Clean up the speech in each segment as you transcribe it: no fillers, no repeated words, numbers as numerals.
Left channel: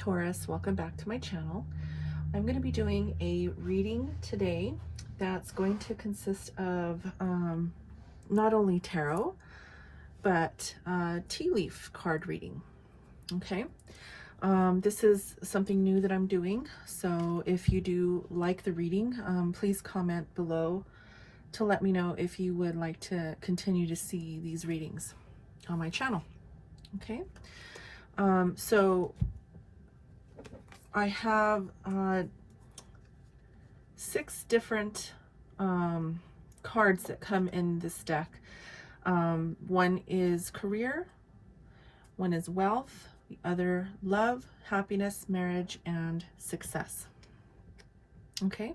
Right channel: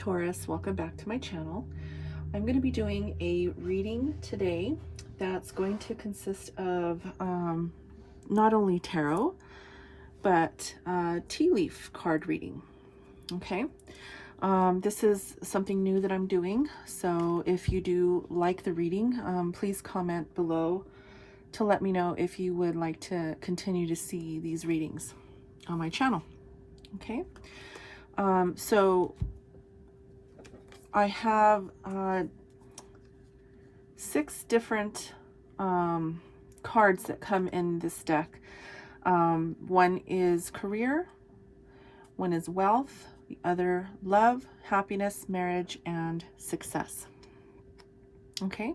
Taurus, welcome back to my channel. I'm going to be doing a reading today that's going to consist of not only tarot, but tea leaf card reading. Okay, this is something new that I'm doing, so if you do like the reading, please comment below to let me know if you would like to continue to see these readings on my channel. Okay, so I have 6 different cards that come in this deck. One is career, one is wealth, the other love, happiness, marriage, and success. Okay,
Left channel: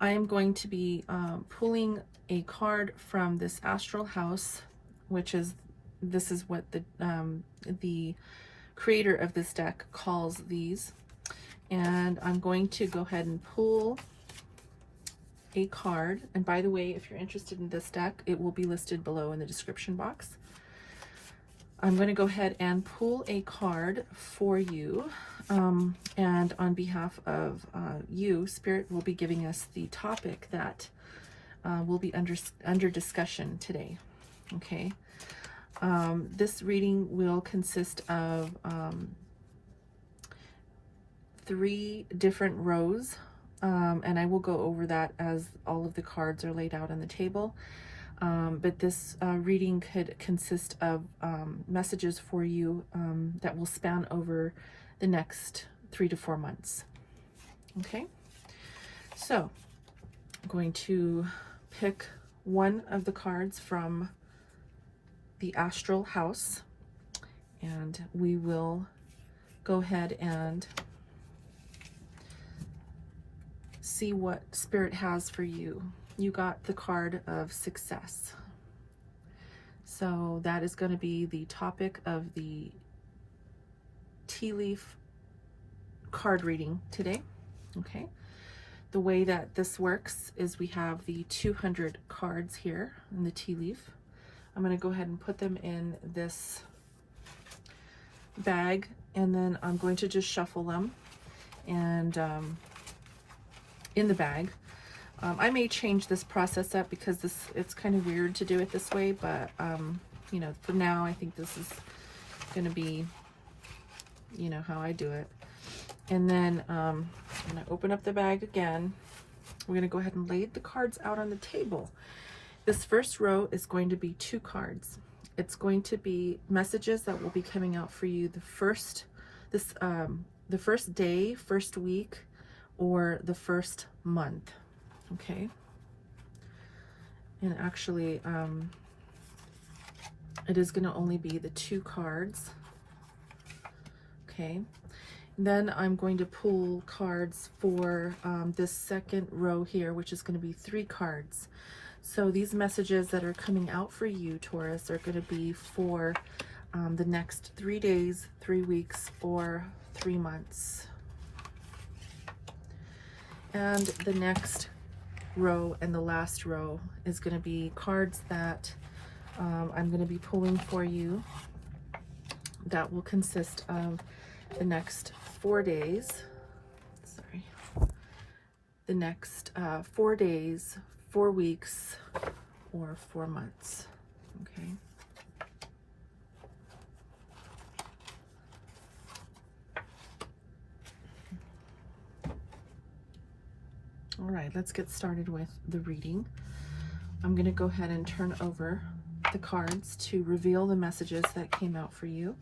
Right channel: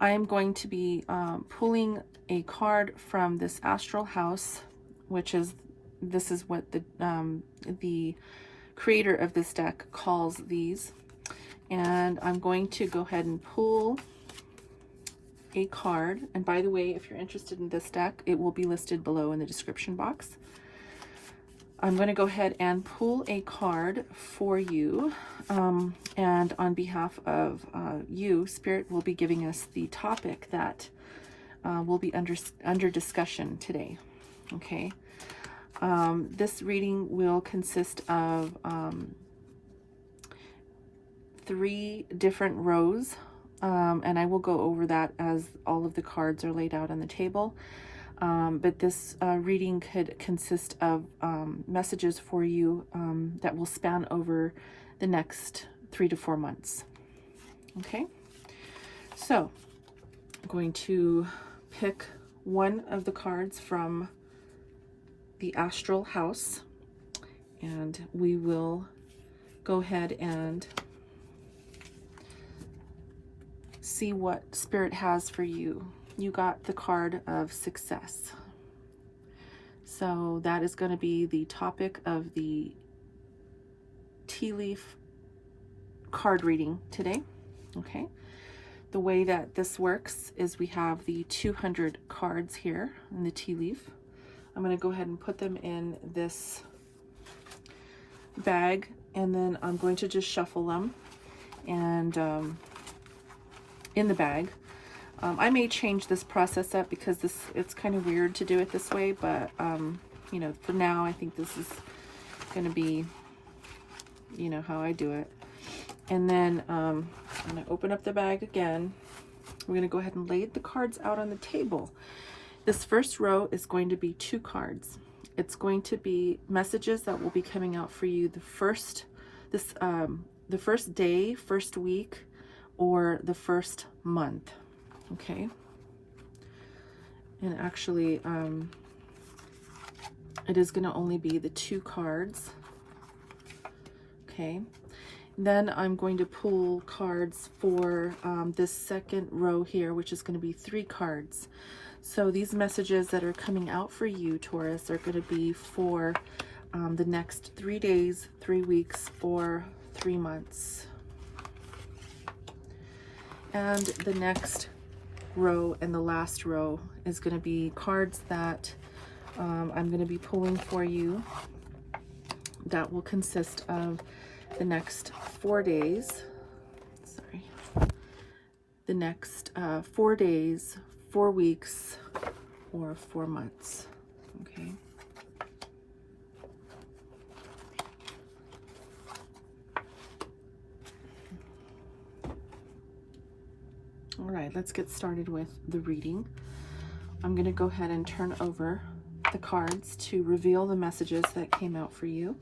I am going to be pulling a card from this astral house, which is, this is what the creator of this deck calls these. And I'm going to go ahead and pull a card. And by the way, if you're interested in this deck, it will be listed below in the description box. I'm going to go ahead and pull a card for you. And on behalf of you, Spirit will be giving us the topic that will be under discussion today. Okay. This reading will consist of 3 different rows, and I will go over that as all of the cards are laid out on the table. But this reading could consist of messages for you that will span over the next 3 to 4 months. Okay, so I'm going to pick one of the cards from the astral house, and we will go ahead and see what Spirit has for you. You got the card of success. So that is going to be the topic of the tea leaf card reading today. Okay. The way that this works is we have the 200 cards here in the tea leaf. I'm going to go ahead and put them in this bag, and then I'm going to just shuffle them and in the bag. I may change this process up because it's kind of weird to do it this way, but you know, for now I think this is going to be, you know, how I do it. And then I'm going to open up the bag again. We're going to go ahead and lay the cards out on the table. This first row is going to be 2 cards. It's going to be messages that will be coming out for you the first day, first week, or the first month. Okay, and actually it is going to only be the 2 cards. Okay, then I'm going to pull cards for this second row here, which is going to be 3 cards. So these messages that are coming out for you, Taurus, are going to be for the next 3 days, 3 weeks, or 3 months. And the next row and the last row is going to be cards that I'm going to be pulling for you that will consist of the next 4 days. Sorry. The next 4 days, 4 weeks, or 4 months. Okay. All right, let's get started with the reading. I'm going to go ahead and turn over the cards to reveal the messages that came out for you.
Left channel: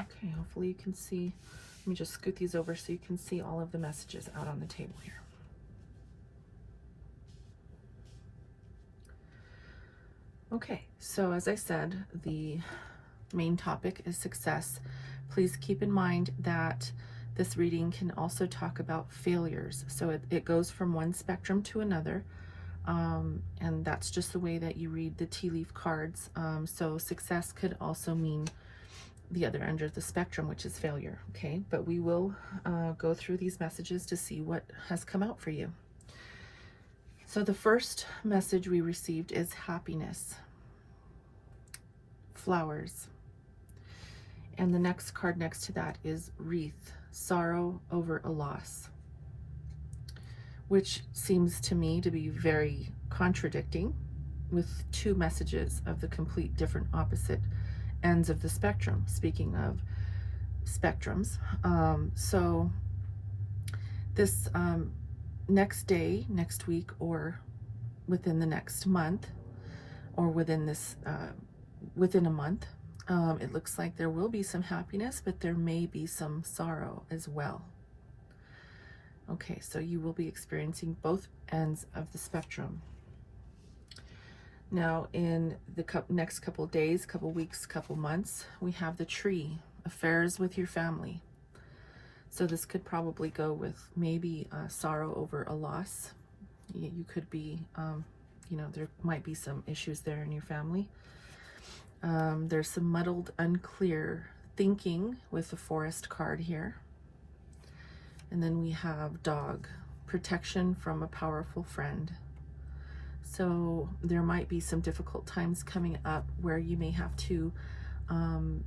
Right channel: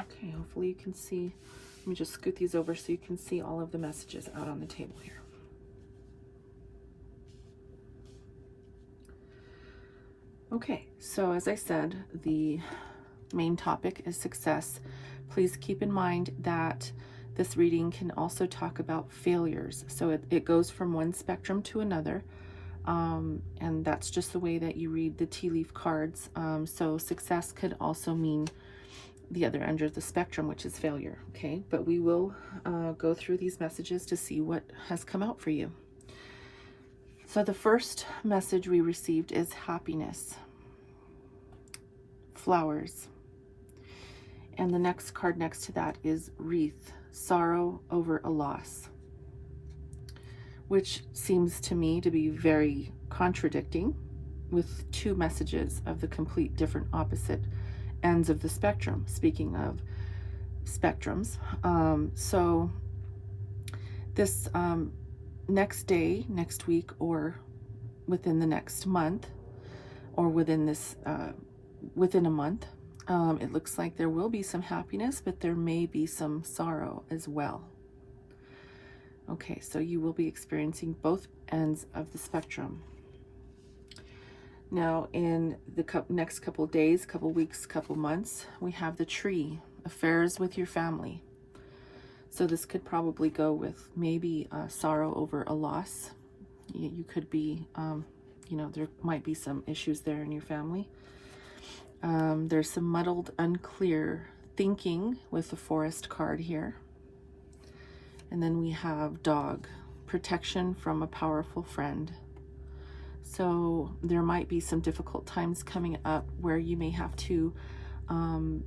Okay, hopefully you can see. Let me just scoot these over so you can see all of the messages out on the table here. Okay, so as I said, the main topic is success. Please keep in mind that this reading can also talk about failures. So it goes from one spectrum to another, and that's just the way that you read the tea leaf cards. So success could also mean the other end of the spectrum, which is failure. Okay, but we will go through these messages to see what has come out for you. So the first message we received is happiness, flowers. And the next card next to that is wreath, sorrow over a loss, which seems to me to be very contradicting with two messages of the complete different opposite ends of the spectrum. Speaking of spectrums, so this next day, next week, or within the next month, or within this within a month, it looks like there will be some happiness, but there may be some sorrow as well. Okay, so you will be experiencing both ends of the spectrum. Now, in the next couple days, couple weeks, couple months, we have the tree, affairs with your family. So this could probably go with maybe sorrow over a loss. You could be, you know, there might be some issues there in your family. There's some muddled, unclear thinking with the forest card here. And then we have dog, protection from a powerful friend. So there might be some difficult times coming up where you may have to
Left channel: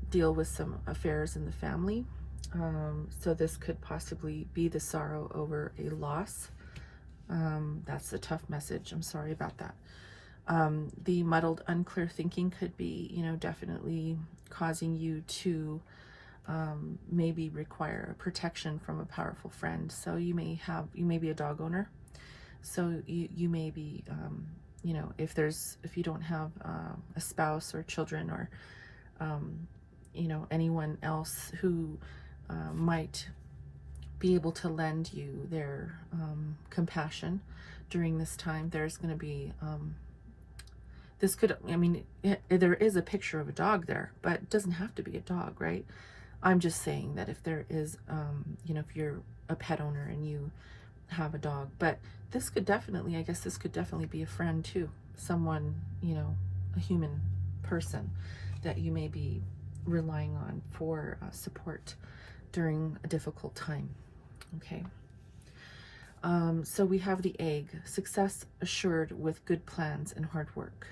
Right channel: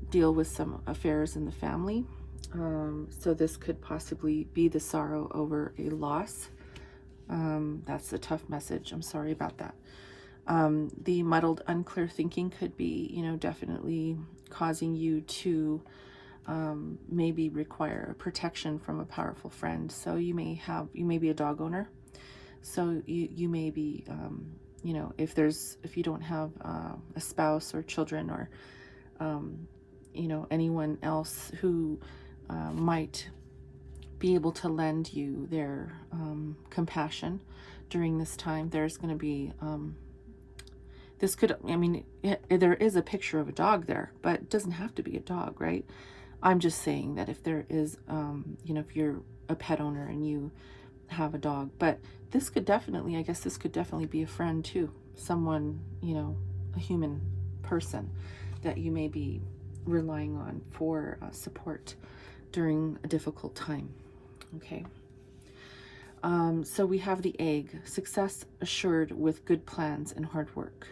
deal with some affairs in the family. So this could possibly be the sorrow over a loss. That's a tough message. I'm sorry about that. The muddled, unclear thinking could be, you know, definitely causing you to maybe require protection from a powerful friend. So you may be a dog owner. So you may be, you know, if you don't have a spouse or children or, you know, anyone else who might be able to lend you their compassion during this time, there's going to be, this could, I mean, there is a picture of a dog there, but it doesn't have to be a dog, right? I'm just saying that if there is, you know, if you're a pet owner and you have a dog, but this could definitely, I guess this could definitely be a friend too. Someone, you know, a human person that you may be relying on for support during a difficult time. Okay. So we have the egg, success assured with good plans and hard work.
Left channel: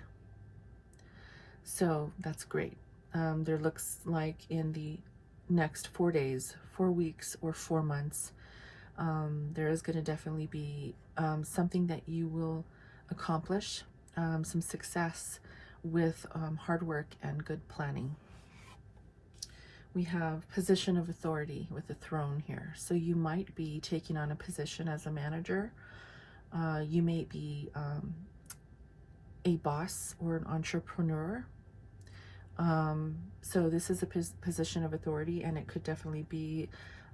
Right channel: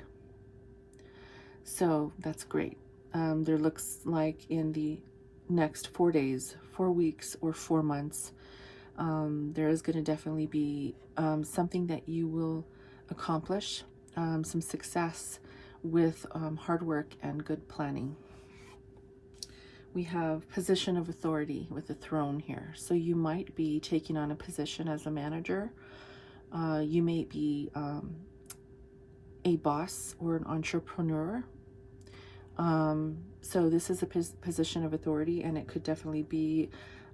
So that's great. There looks like in the next 4 days, 4 weeks, or 4 months, there is going to definitely be something that you will accomplish, some success with hard work and good planning. We have position of authority with the throne here. So you might be taking on a position as a manager. You may be a boss or an entrepreneur. So this is a position of authority, and it could definitely be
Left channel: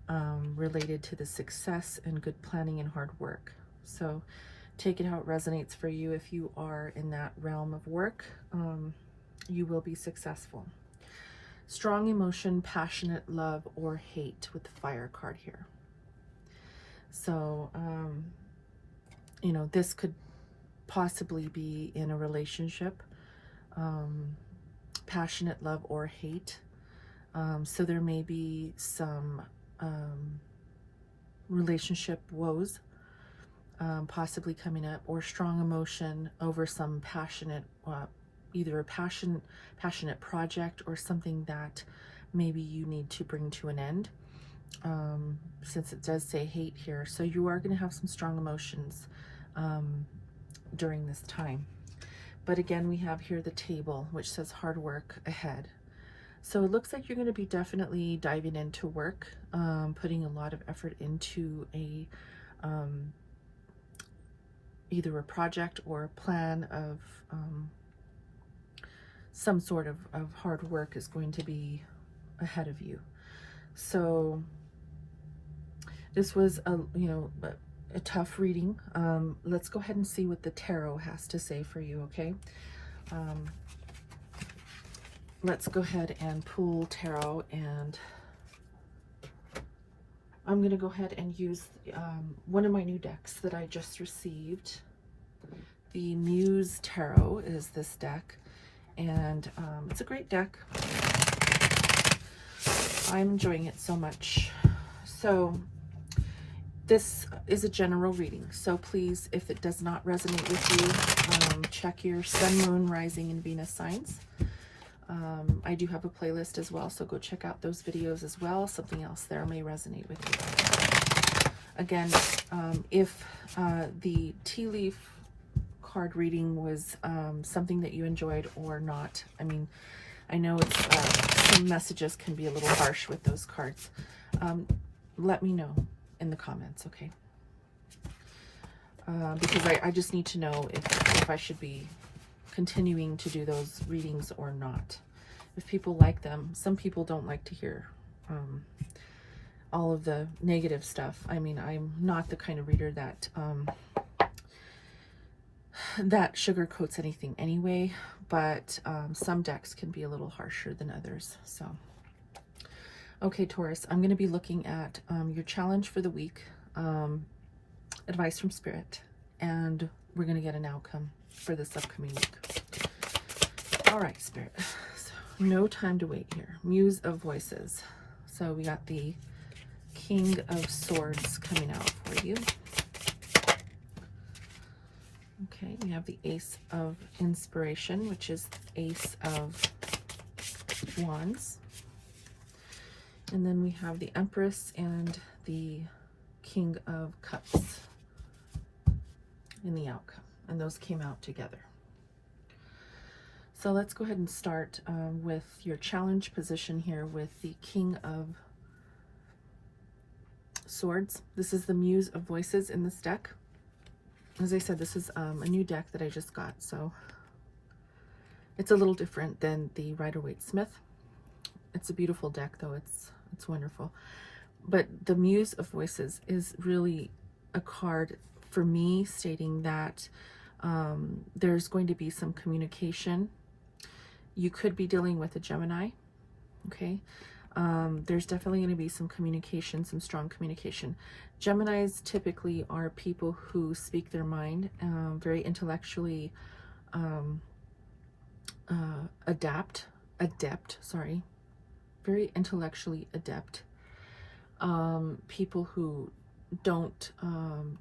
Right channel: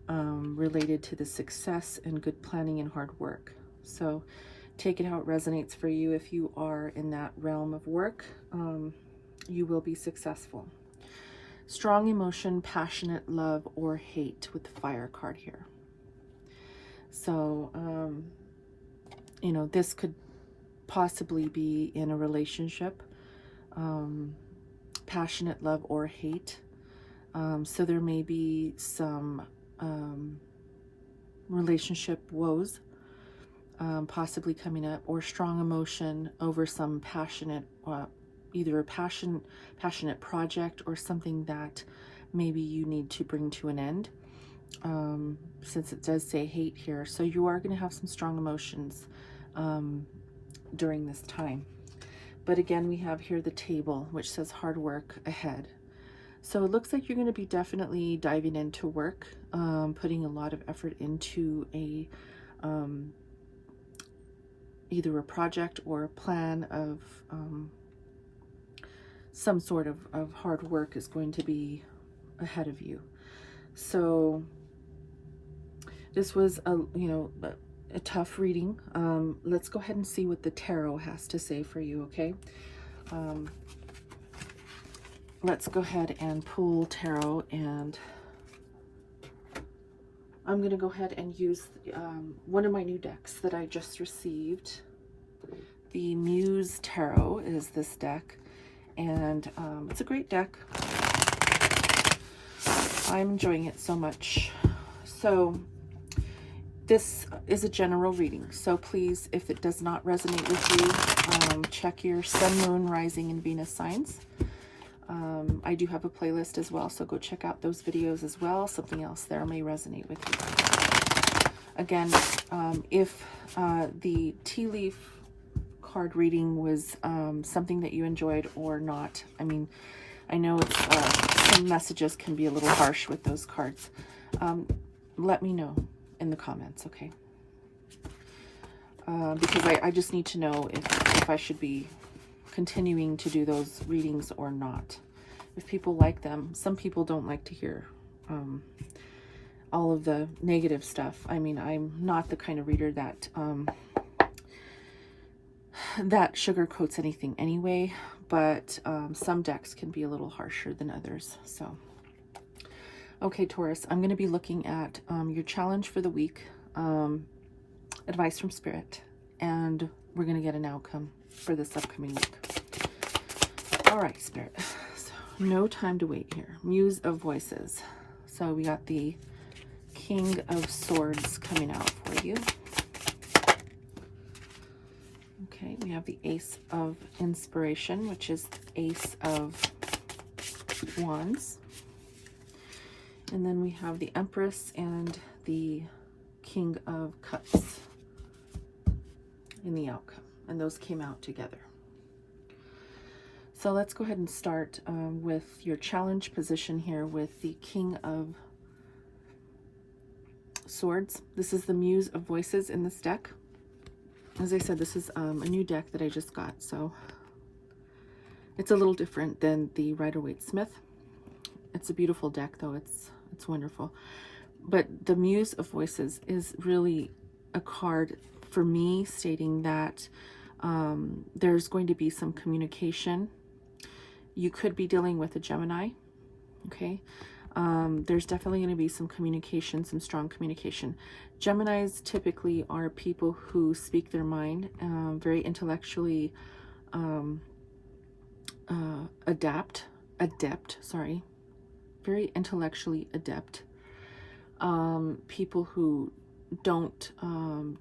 related to the success and good planning and hard work. So take it how it resonates for you. If you are in that realm of work, you will be successful. Strong emotion, passionate love, or hate with the fire card here. So, you know, this could possibly be in a relationship, passionate love or hate. So there may be some relationship woes possibly coming up, or strong emotion over some passionate, either a passionate project or something that maybe you need to bring to an end, since it does say hate here. So you are going to have some strong emotions during this time. But again, we have here the table, which says hard work ahead. So it looks like you're going to be definitely diving into work, putting a lot of effort into a either a project or a plan of some sort of hard work is going to be ahead of you. So this was a tough reading. Let's go ahead and see what the tarot has to say for you, okay? Let's go ahead and pull tarot, and I'm going to go ahead and use one of my new decks that I just received. The Muse Tarot is this deck, and it's a great deck. I'm enjoying it so much. So This is a general reading, so please, if it does not resonate with you, check your sun, moon, rising, and Venus signs. I do have a playlist as well, so go check out those videos as well. Something else there may resonate with you. Again, if the tea leaf card reading was something that you enjoyed or not, I mean, I know some messages can be a little harsh with those cards. Let me know in the comments, okay? Because I just need to know if I should be continuing to do those readings or not. If people like them. Some people don't like to hear all of the negative stuff. I mean, I'm not the kind of reader that that sugarcoats anything anyway, but some decks can be a little harsher than others. So okay, Taurus, I'm going to be looking at your challenge for the week, advice from Spirit, and we're going to get an outcome for this upcoming week. All right, Spirit. So, no time to wait here. Muse of Voices. So we got the King of Swords coming out for you. Okay, we have the Ace of Inspiration, which is the Ace of Wands. And then we have the Empress and the King of Cups in the outcome. And those came out together. So let's go ahead and start with your challenge position here with the King of Swords. This is the Muse of Voices in this deck. As I said, this is a new deck that I just got. So it's a little different than the Rider-Waite-Smith. It's a beautiful deck, though. It's wonderful. But the Muse of Voices is really a card for me stating that there's going to be some communication. You could be dealing with a Gemini, okay? There's definitely going to be some communication, some strong communication. Geminis typically are people who speak their mind, very intellectually very intellectually adept. People who don't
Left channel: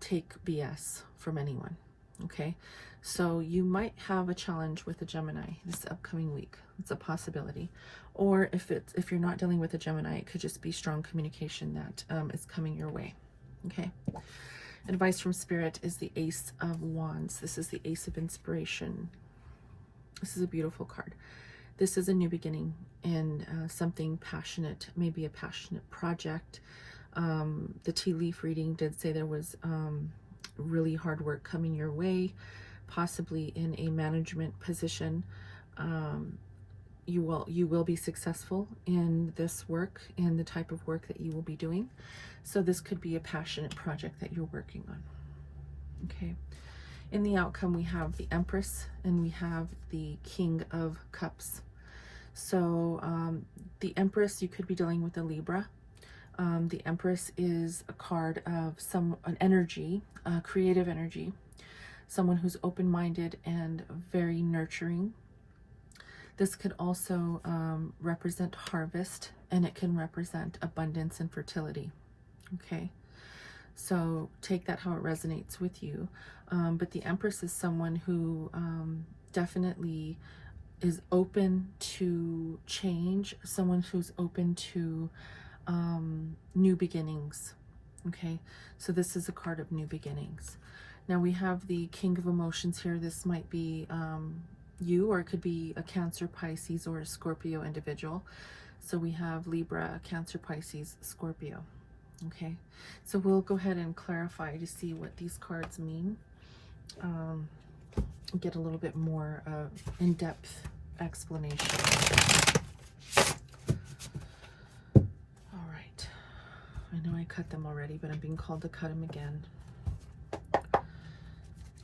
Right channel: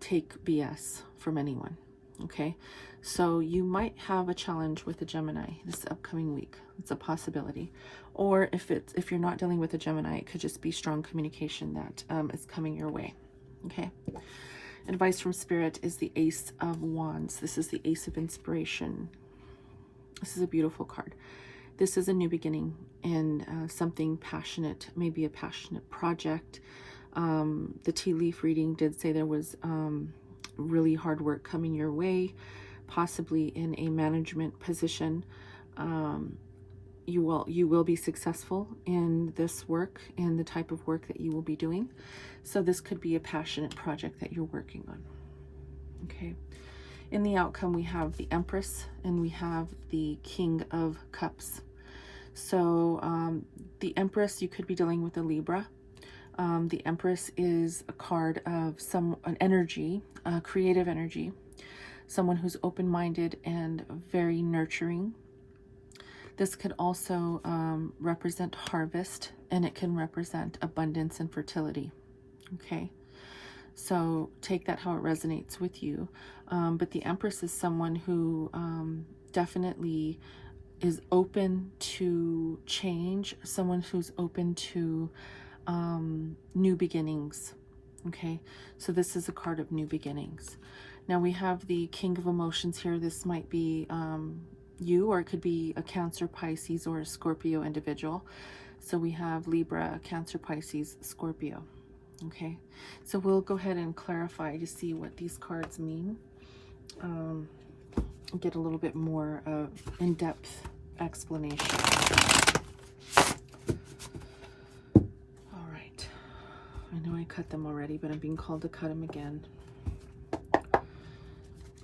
take BS from anyone, okay? So you might have a challenge with a Gemini this upcoming week. It's a possibility. Or if you're not dealing with a Gemini, it could just be strong communication that is coming your way, okay? Advice from Spirit is the Ace of Wands. This is the Ace of Inspiration. This is a beautiful card. This is a new beginning in something passionate, maybe a passionate project. The tea leaf reading did say there was really hard work coming your way, possibly in a management position. You will be successful in this work, in the type of work that you will be doing. So this could be a passionate project that you're working on. Okay. In the outcome, we have the Empress and we have the King of Cups. So the Empress, you could be dealing with a Libra. The Empress is a card of an energy, creative energy, someone who's open-minded and very nurturing. This could also represent harvest, and it can represent abundance and fertility. Okay, so take that how it resonates with you. But the Empress is someone who definitely is open to change, someone who's open to new beginnings. Okay, so this is a card of new beginnings. Now we have the King of Emotions here. This might be you, or it could be a Cancer, Pisces, or a Scorpio individual. So we have Libra, Cancer, Pisces, Scorpio. Okay, so we'll go ahead and clarify to see what these cards mean. Get a little bit more in-depth explanation. All right, I know I cut them already, but I'm being called to cut them again.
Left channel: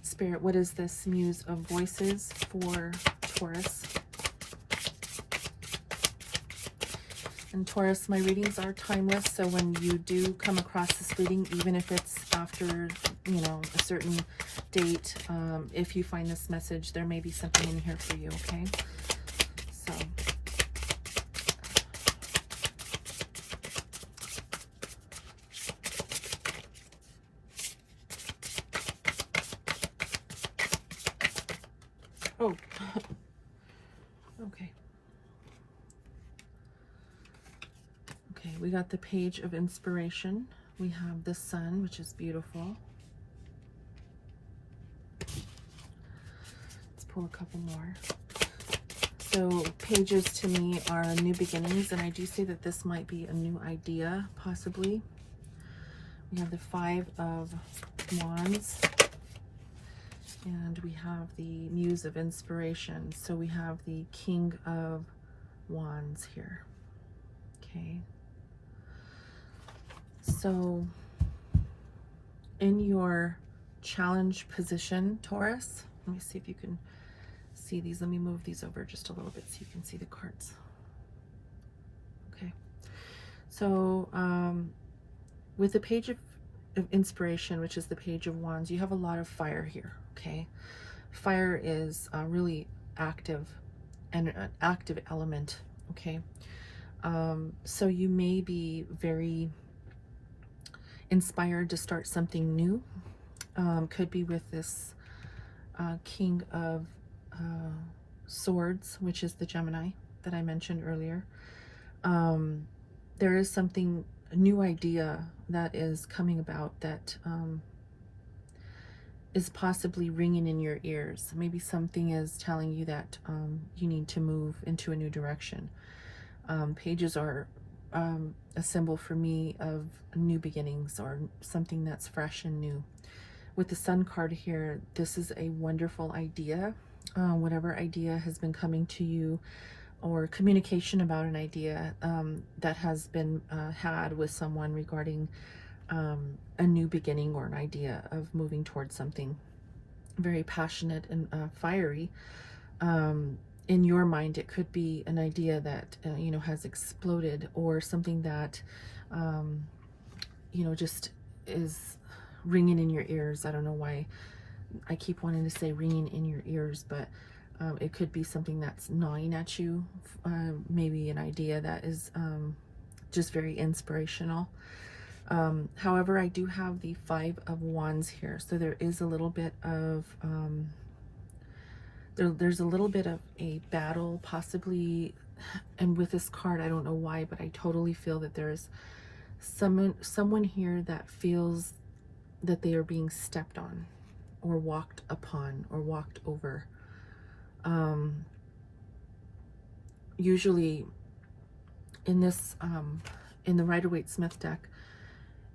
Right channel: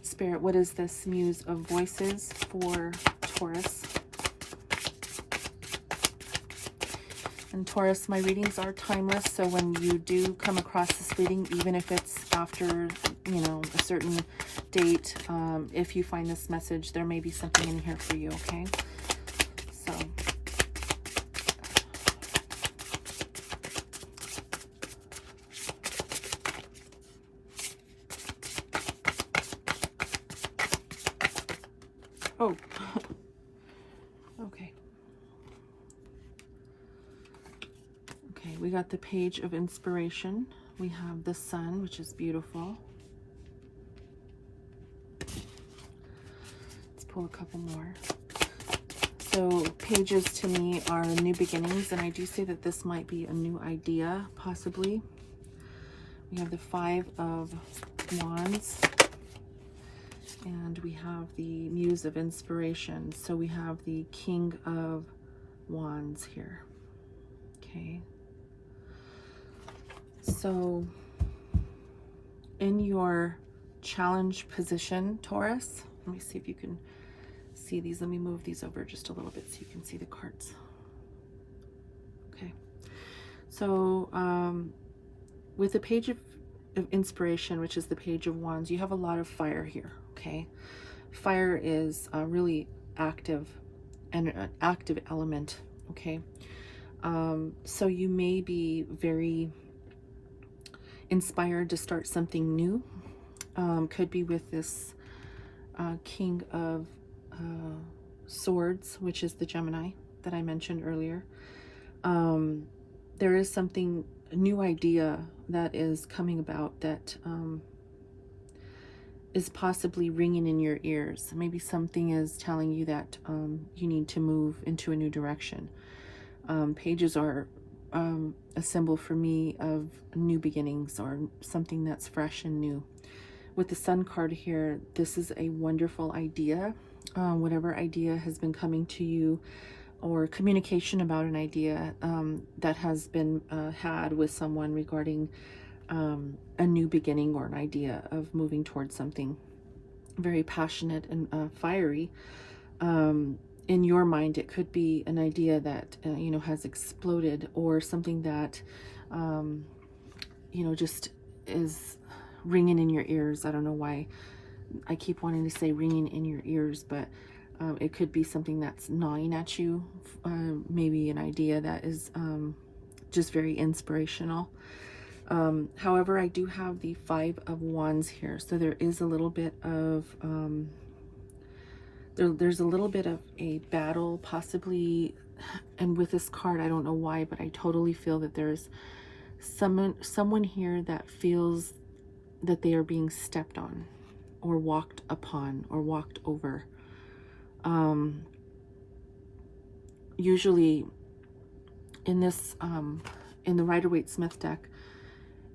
Spirit, what is this Muse of Voices for Taurus? And Taurus, my readings are timeless, so when you do come across this reading, even if it's after, you know, a certain date, if you find this message, there may be something in here for you, okay? So, we got the Page of Inspiration. We have the Sun, which is beautiful. Let's pull a couple more. So pages to me are new beginnings, and I do say that this might be a new idea, possibly. We have the Five of Wands, and we have the Muse of Inspiration. So we have the King of Wands here. Okay. So in your challenge position, Taurus, let me see if you can see these. Let me move these over just a little bit so you can see the cards. Okay. So with the Page of Inspiration, which is the Page of Wands, you have a lot of fire here. Okay. Fire is really active and an active element. Okay. So you may be very inspired to start something new. Could be with this King of Swords, which is the Gemini that I mentioned earlier. There is something, a new idea that is coming about that is possibly ringing in your ears. Maybe something is telling you that you need to move into a new direction. Pages are a symbol for me of new beginnings or something that's fresh and new. With the Sun card here, this is a wonderful idea. Whatever idea has been coming to you, or communication about an idea that has been had with someone regarding a new beginning or an idea of moving towards something very passionate and fiery. In your mind, it could be an idea that you know, has exploded, or something that you know, just is ringing in your ears. I don't know why I keep wanting to say ringing in your ears, but it could be something that's gnawing at you. Maybe an idea that is just very inspirational. However, I do have the Five of Wands here, so there is a little bit of there's a little bit of a battle, possibly. And with this card, I don't know why, but I totally feel that there's someone here that feels that they are being stepped on, or walked upon, or walked over. Usually in this in the Rider-Waite-Smith deck,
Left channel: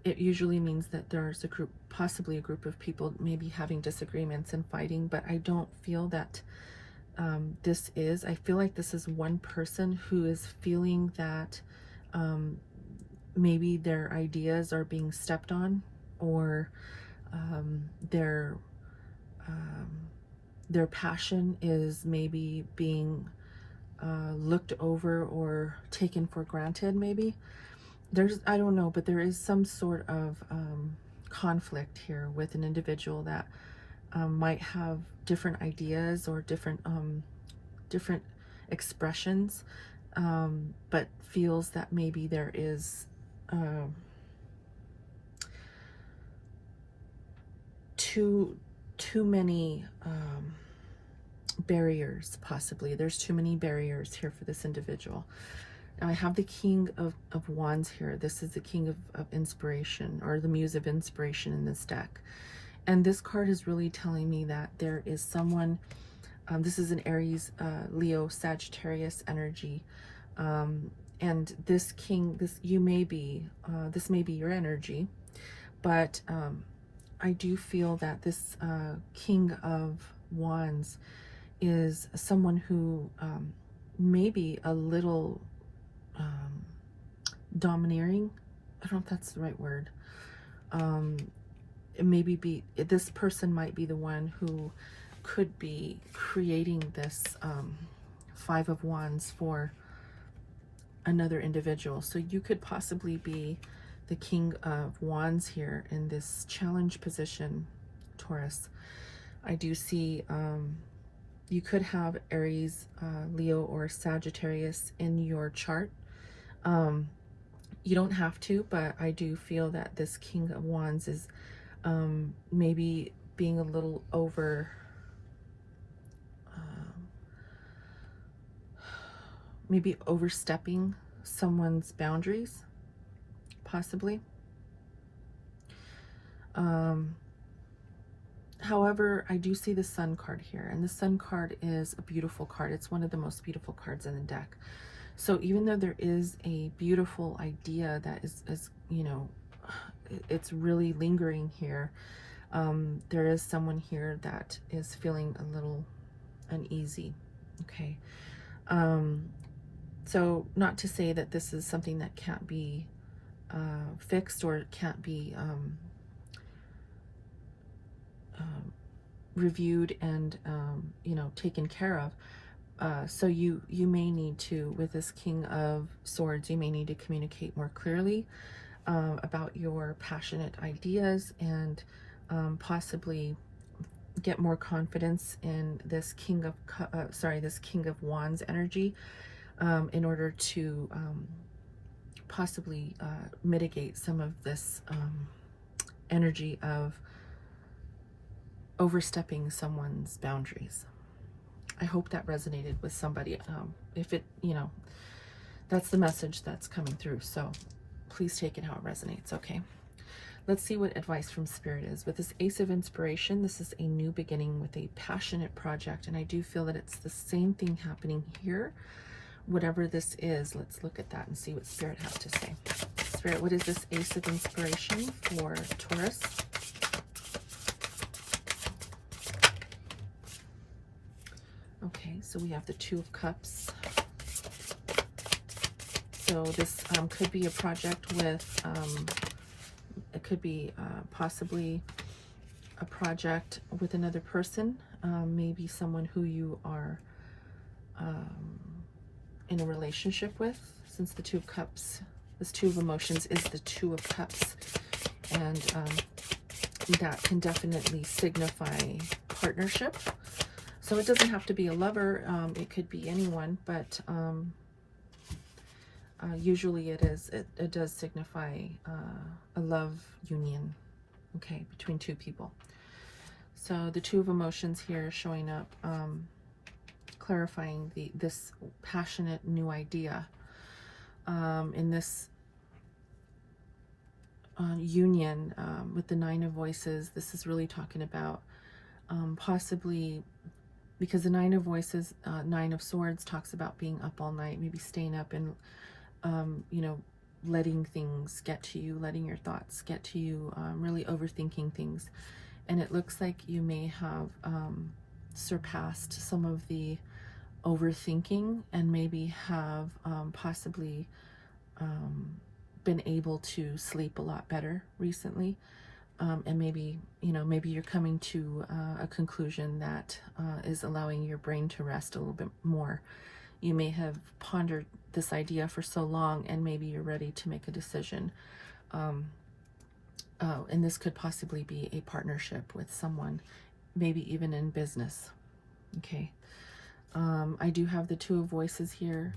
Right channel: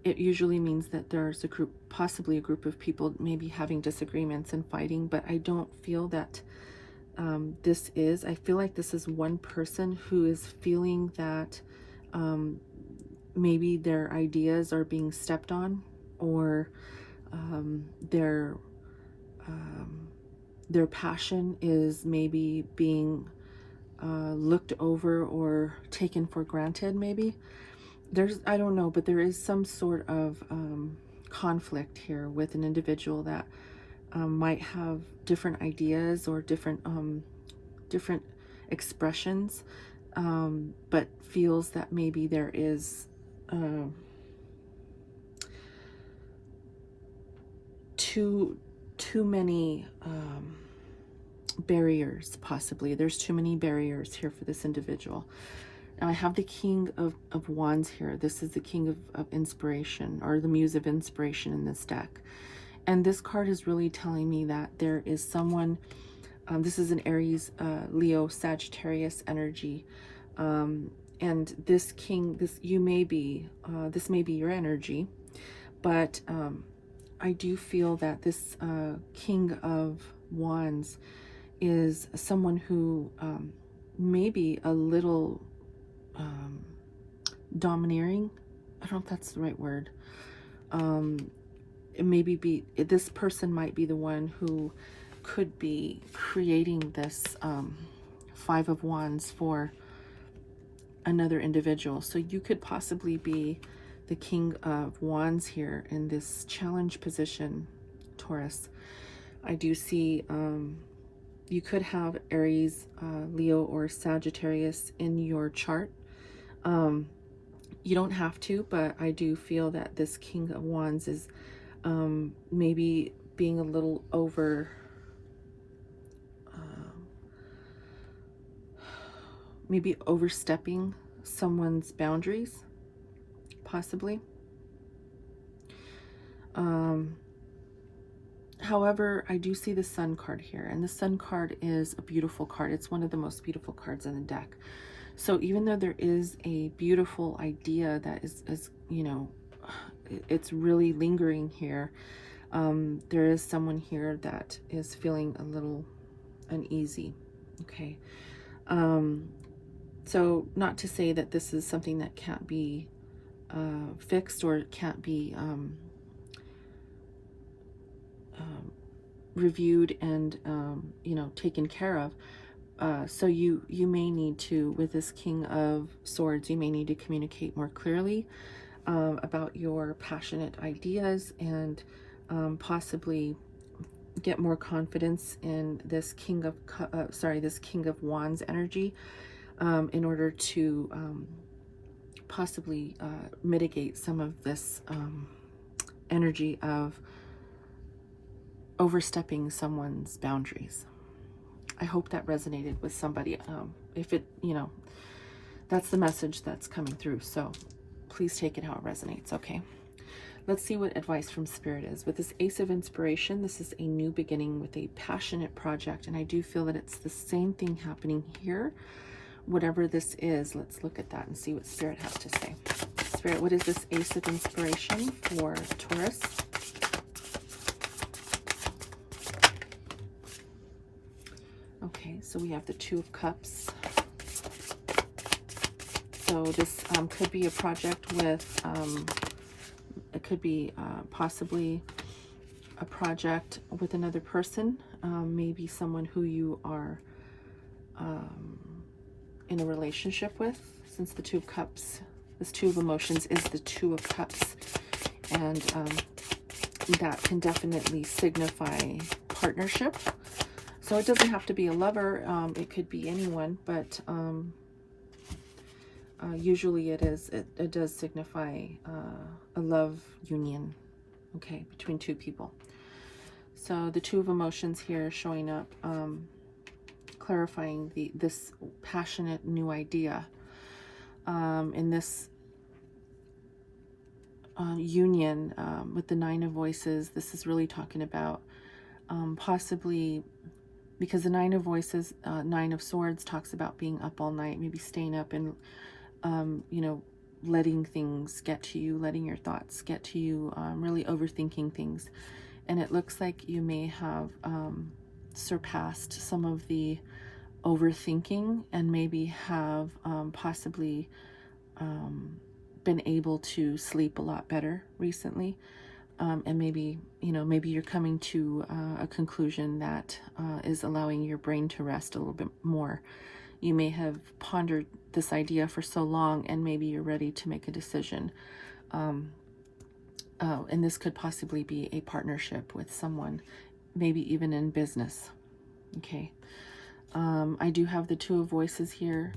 it usually means that there's a group, possibly a group of people maybe having disagreements and fighting, but I don't feel that this is. I feel like this is one person who is feeling that maybe their ideas are being stepped on, or their passion is maybe being looked over or taken for granted. Maybe there's, I don't know, but there is some sort of conflict here with an individual that might have different ideas or different expressions, but feels that maybe there is too many barriers. Possibly there's too many barriers here for this individual. Now I have the King of Wands here. This is the King of Inspiration, or the Muse of Inspiration in this deck. And this card is really telling me that there is someone, this is an Aries, Leo, Sagittarius energy. And this king, this may be your energy, but I do feel that this King of Wands is someone who may be a little domineering. I don't know if that's the right word. This person might be the one who could be creating this Five of Wands for another individual. So you could possibly be the King of Wands here in this challenge position, Taurus. I do see you could have Aries, Leo, or Sagittarius in your chart. You don't have to, but I do feel that this King of Wands is maybe being a little maybe overstepping someone's boundaries. possibly. However, I do see the Sun card here, and the Sun card is a beautiful card. It's one of the most beautiful cards in the deck. So even though there is a beautiful idea that is you know, it's really lingering here, there is someone here that is feeling a little uneasy. Okay. So not to say that this is something that can't be fixed or can't be reviewed and you know, taken care of. So you may need to, with this King of Swords, you may need to communicate more clearly about your passionate ideas, and possibly get more confidence in this King of this King of Wands energy, in order to possibly mitigate some of this energy of overstepping someone's boundaries. I hope that resonated with somebody. If it, you know, that's the message that's coming through. So please take it how it resonates. Okay. Let's see what advice from Spirit is. With this Ace of Inspiration, this is a new beginning with a passionate project. And I do feel that it's the same thing happening here. Whatever this is, let's look at that and see what Spirit has to say. Spirit, what is this Ace of Inspiration for Taurus? Okay, so we have the Two of Cups. So this could be a project with, it could be possibly a project with another person, maybe someone who you are in a relationship with, since the Two of Cups, this Two of Emotions is the Two of Cups, and that can definitely signify partnership. So it doesn't have to be a lover, it could be anyone, but usually it does signify a love union, okay, between two people. So the Two of Emotions here showing up, clarifying this passionate new idea. In this union with the Nine of Voices, this is really talking about possibly, because the Nine of Voices, Nine of Swords talks about being up all night, maybe staying up and, you know, letting things get to you, letting your thoughts get to you, really overthinking things. And it looks like you may have surpassed some of the overthinking, and maybe have possibly been able to sleep a lot better recently. And maybe, you know, maybe you're coming to a conclusion that is allowing your brain to rest a little bit more. You may have pondered this idea for so long, and maybe you're ready to make a decision. And this could possibly be a partnership with someone, maybe even in business. Okay. I do have the Two of Voices here.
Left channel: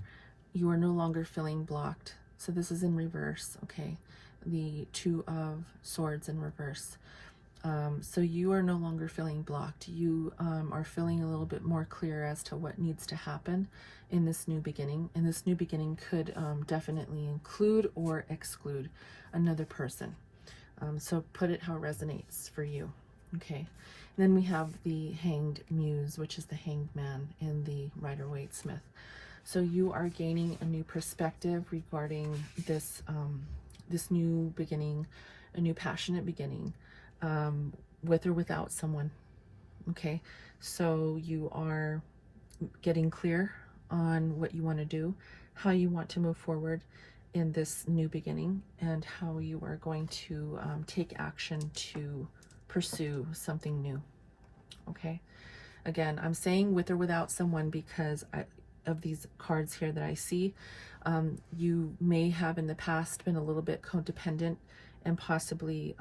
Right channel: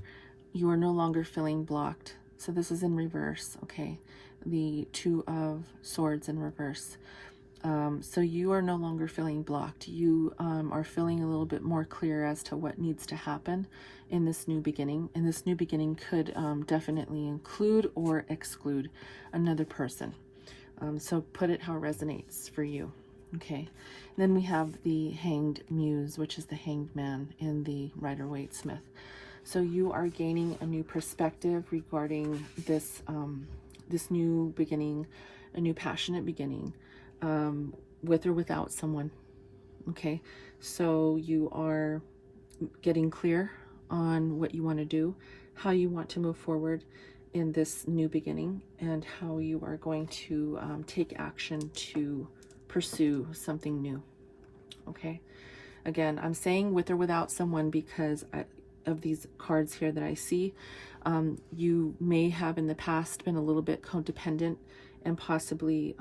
You are no longer feeling blocked. So this is in reverse. Okay. The Two of Swords in reverse. So you are no longer feeling blocked. You are feeling a little bit more clear as to what needs to happen in this new beginning. And this new beginning could definitely include or exclude another person. So put it how it resonates for you. Okay. And then we have the Hanged Muse, which is the Hanged Man in the Rider-Waite-Smith. So you are gaining a new perspective regarding this this new beginning, a new passionate beginning, with or without someone. Okay, so you are getting clear on what you want to do, how you want to move forward in this new beginning, and how you are going to take action to pursue something new. Okay, again, I'm saying with or without someone because of these cards here that I see. You may have in the past been a little bit codependent, and possibly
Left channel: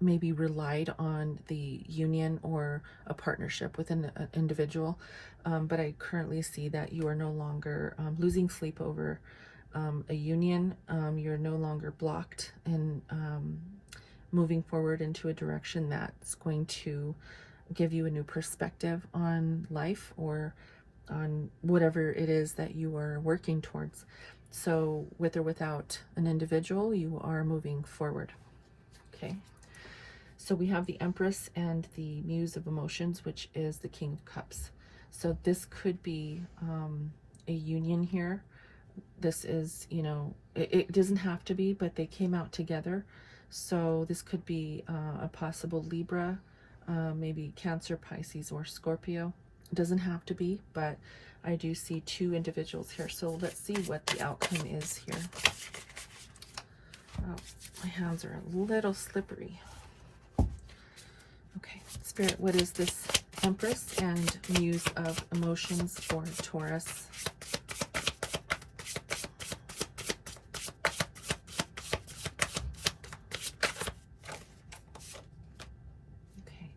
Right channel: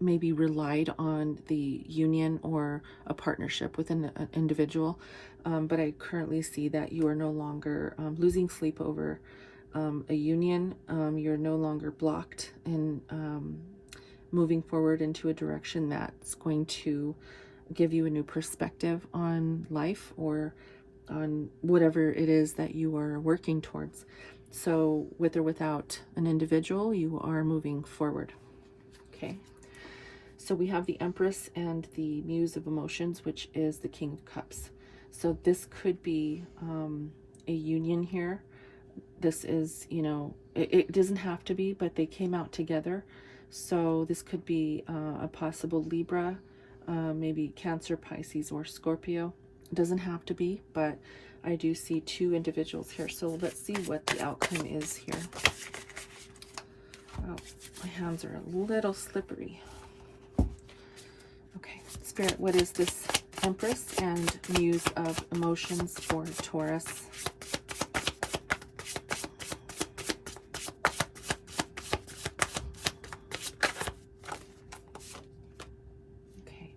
maybe relied on the union or a partnership with an individual. But I currently see that you are no longer losing sleep over a union. You're no longer blocked in moving forward into a direction that's going to give you a new perspective on life, or on whatever it is that you are working towards. So with or without an individual, you are moving forward. Okay. So we have the Empress and the Muse of Emotions, which is the King of Cups. So this could be a union here. This is, you know, it doesn't have to be, but they came out together. So this could be a possible Libra, maybe Cancer, Pisces, or Scorpio. It doesn't have to be, but I do see two individuals here. So let's see what the outcome is here. Oh, my hands are a little slippery. Okay, Spirit, what is this Empress and Muse of Emotions for Taurus? Okay.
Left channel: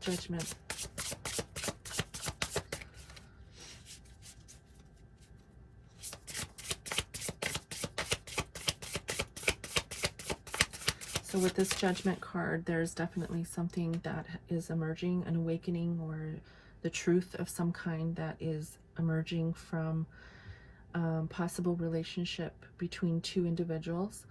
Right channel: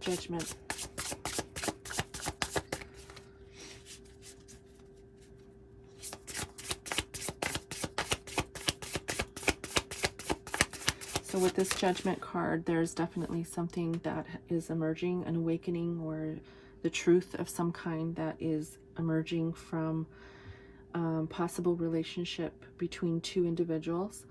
Judgment. So with this Judgment card, there's definitely something that is emerging, an awakening, or the truth of some kind that is emerging from possible relationship between two individuals.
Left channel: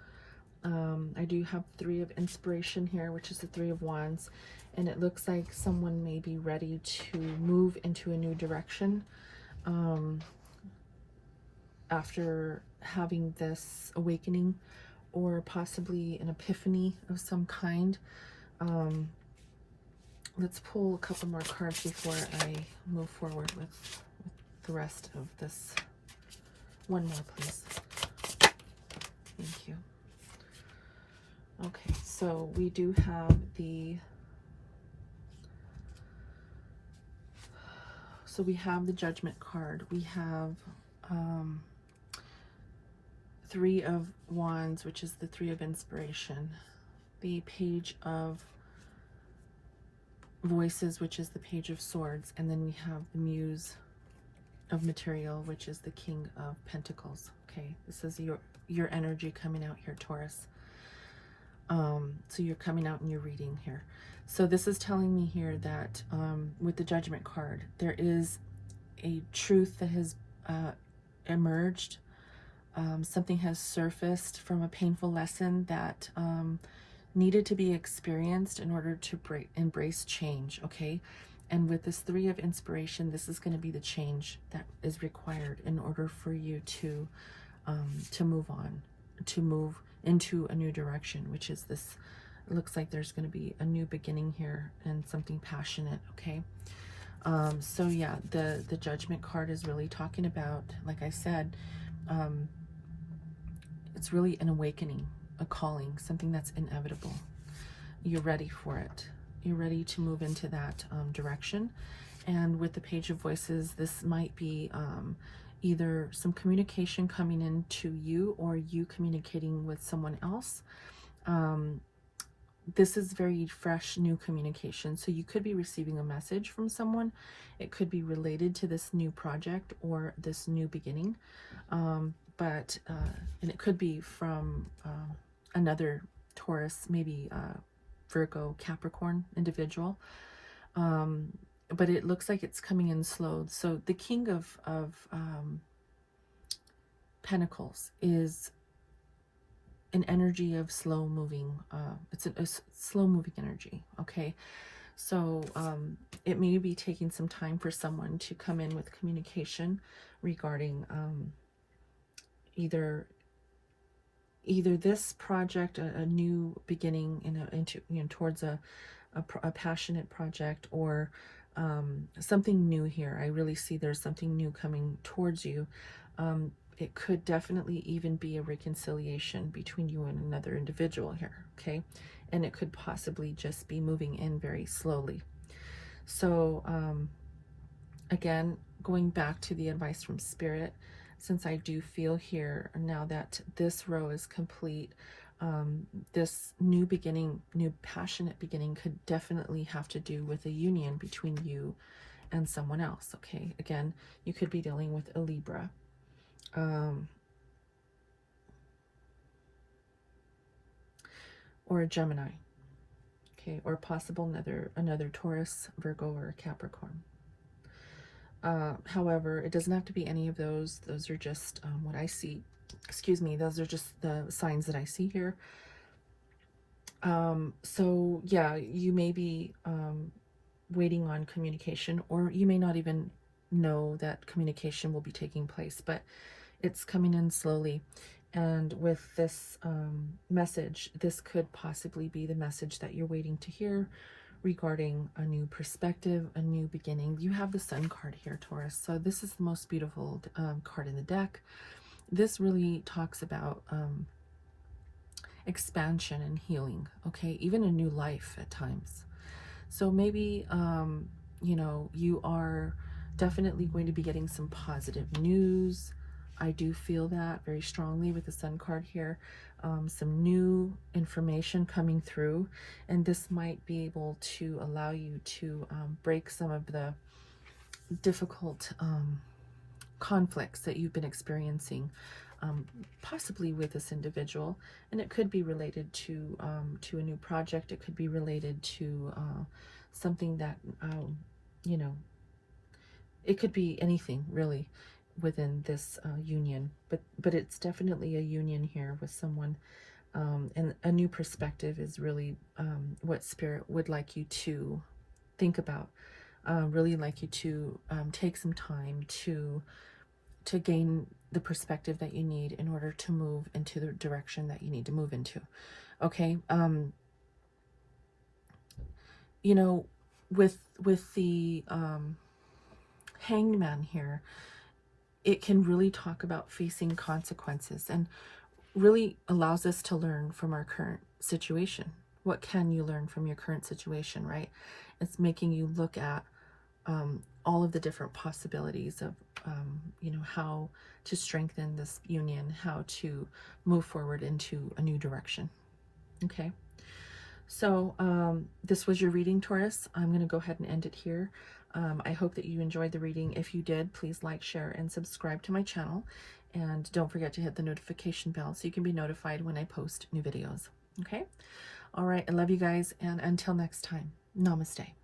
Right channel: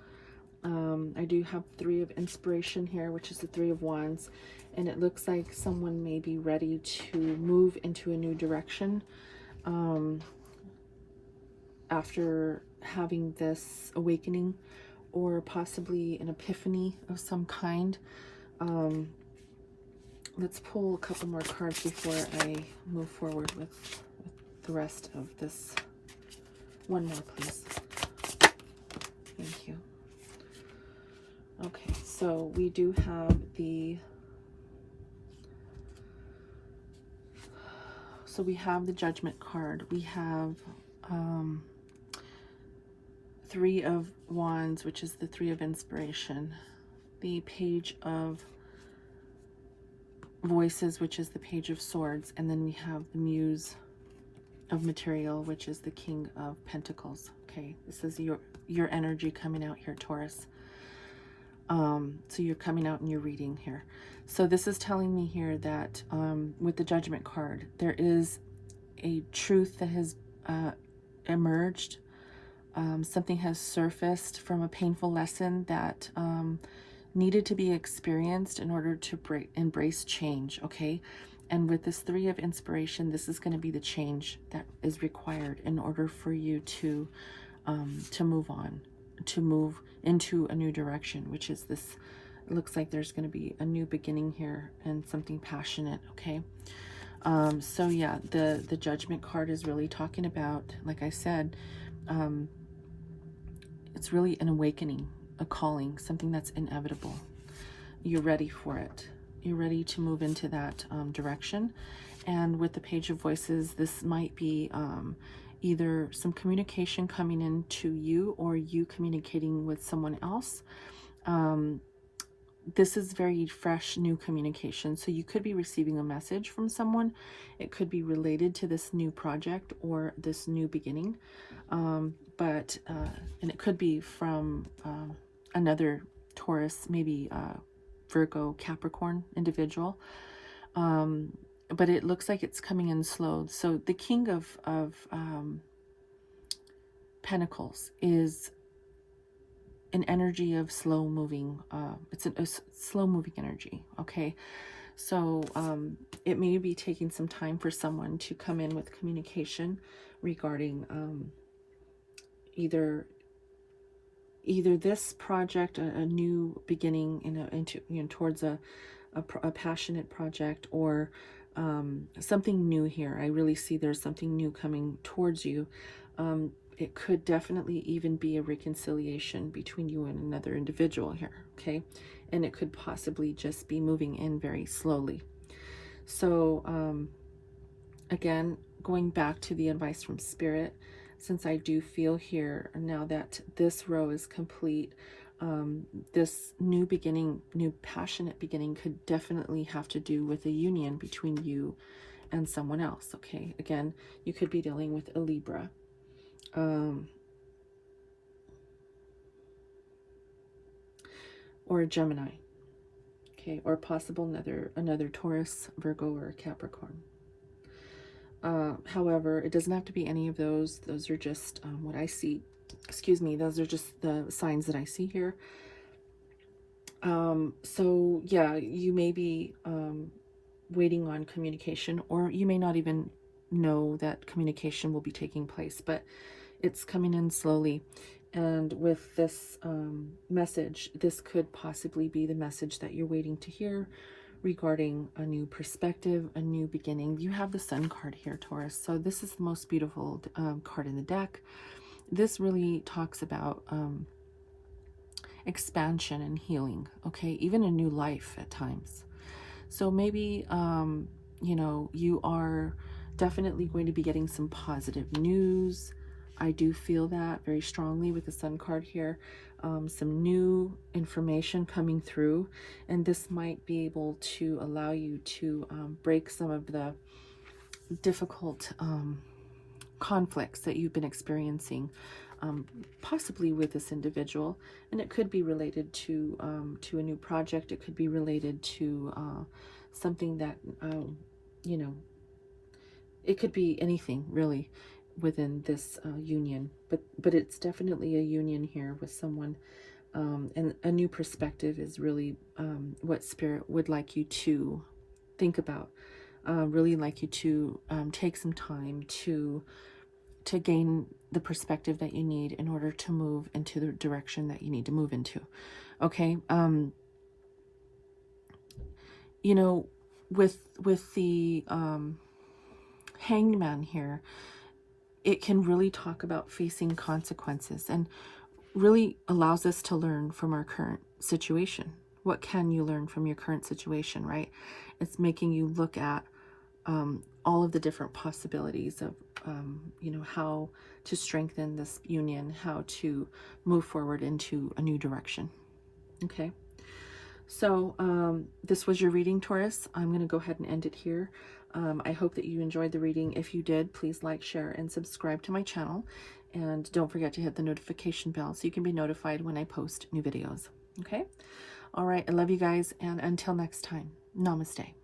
I do have Three of Inspiration here, which is the Three of Wands, and it looks like someone may be ready to move into a new direction after having this awakening, or possibly an epiphany of some kind. Let's pull a couple more cards before I move forward with the rest of this. One more, please. Thank you. Okay, so we do have the... So we have the Judgment card. We have Three of Wands, which is the Three of Inspiration. The Page of Voices, which is the Page of Swords. And then we have the Muse of Material, which is the King of Pentacles. Okay, this is your energy coming out here, Taurus. So you're coming out and you're reading here. So this is telling me here that with the Judgment card, there is a truth that has emerged. Something has surfaced from a painful lesson that needed to be experienced in order to embrace change, okay? And with this Three of Inspiration, this is going to be the change that is required in order for you to move on, to move into a new direction, which is this. It looks like there's going to be a new beginning here and something passionate, okay? So yeah, the Judgment card is really talking about, like I said, it's really an awakening, a calling, something that's inevitable. You're ready for it. You're ready to move into that direction. And with the Page of Voices, this might be either some communication coming into you or you communicating with someone else. This is very fresh, new communication. So you could be receiving a message from someone. It could be related to this new project or this new beginning. And it could be from another Taurus, maybe Virgo, Capricorn individual. But it looks like it's coming in slow. So the King of Pentacles is an energy of slow moving. It's a slow moving energy, okay? So it may be taking some time for someone to come in with communication regarding either this project, a new beginning towards a passionate project, or something new here. I really see there's something new coming towards you. It could definitely even be a reconciliation between you and another individual here, okay? And it could possibly just be moving in very slowly. So again, going back to the advice from Spirit, since I do feel here now that this row is complete, this new beginning, new passionate beginning could definitely have to do with a union between you and someone else, okay? Again, you could be dealing with a Libra. Or a Gemini, okay? Or possible another Taurus, Virgo, or Capricorn. However, it doesn't have to be any of those. Those are just what I see. Excuse me, those are just the signs that I see here. So yeah, you may be waiting on communication, or you may not even know that communication will be taking place, but it's coming in slowly. And with this message, this could possibly be the message that you're waiting to hear regarding a new perspective, a new beginning. You have the Sun card here, Taurus. So this is the most beautiful card in the deck. This really talks about expansion and healing, okay? Even a new life at times. So maybe, you know, you are definitely going to be getting some positive news. I do feel that very strongly with the Sun card here. Some new information coming through, and this might be able to allow you to break some of the difficult conflicts that you've been experiencing, possibly with this individual. And it could be related to a new project. It could be related to something that you know, it could be anything really within this union, but it's definitely a union here with someone, and a new perspective is really what Spirit would like you to think about. Really like you to take some time to gain the perspective that you need in order to move into the direction that you need to move into. Okay. You know, with the Hanged Man here, it can really talk about facing consequences, and really allows us to learn from our current situation. What can you learn from your current situation, right? It's making you look at all of the different possibilities of, you know, how to strengthen this union, how to move forward into a new direction. Okay. So this was your reading, Taurus. I'm going to go ahead and end it here. I hope that you enjoyed the reading. If you did, please like, share, and subscribe to my channel. And don't forget to hit the notification bell so you can be notified when I post new videos. Okay? All right. I love you guys. And until next time, namaste.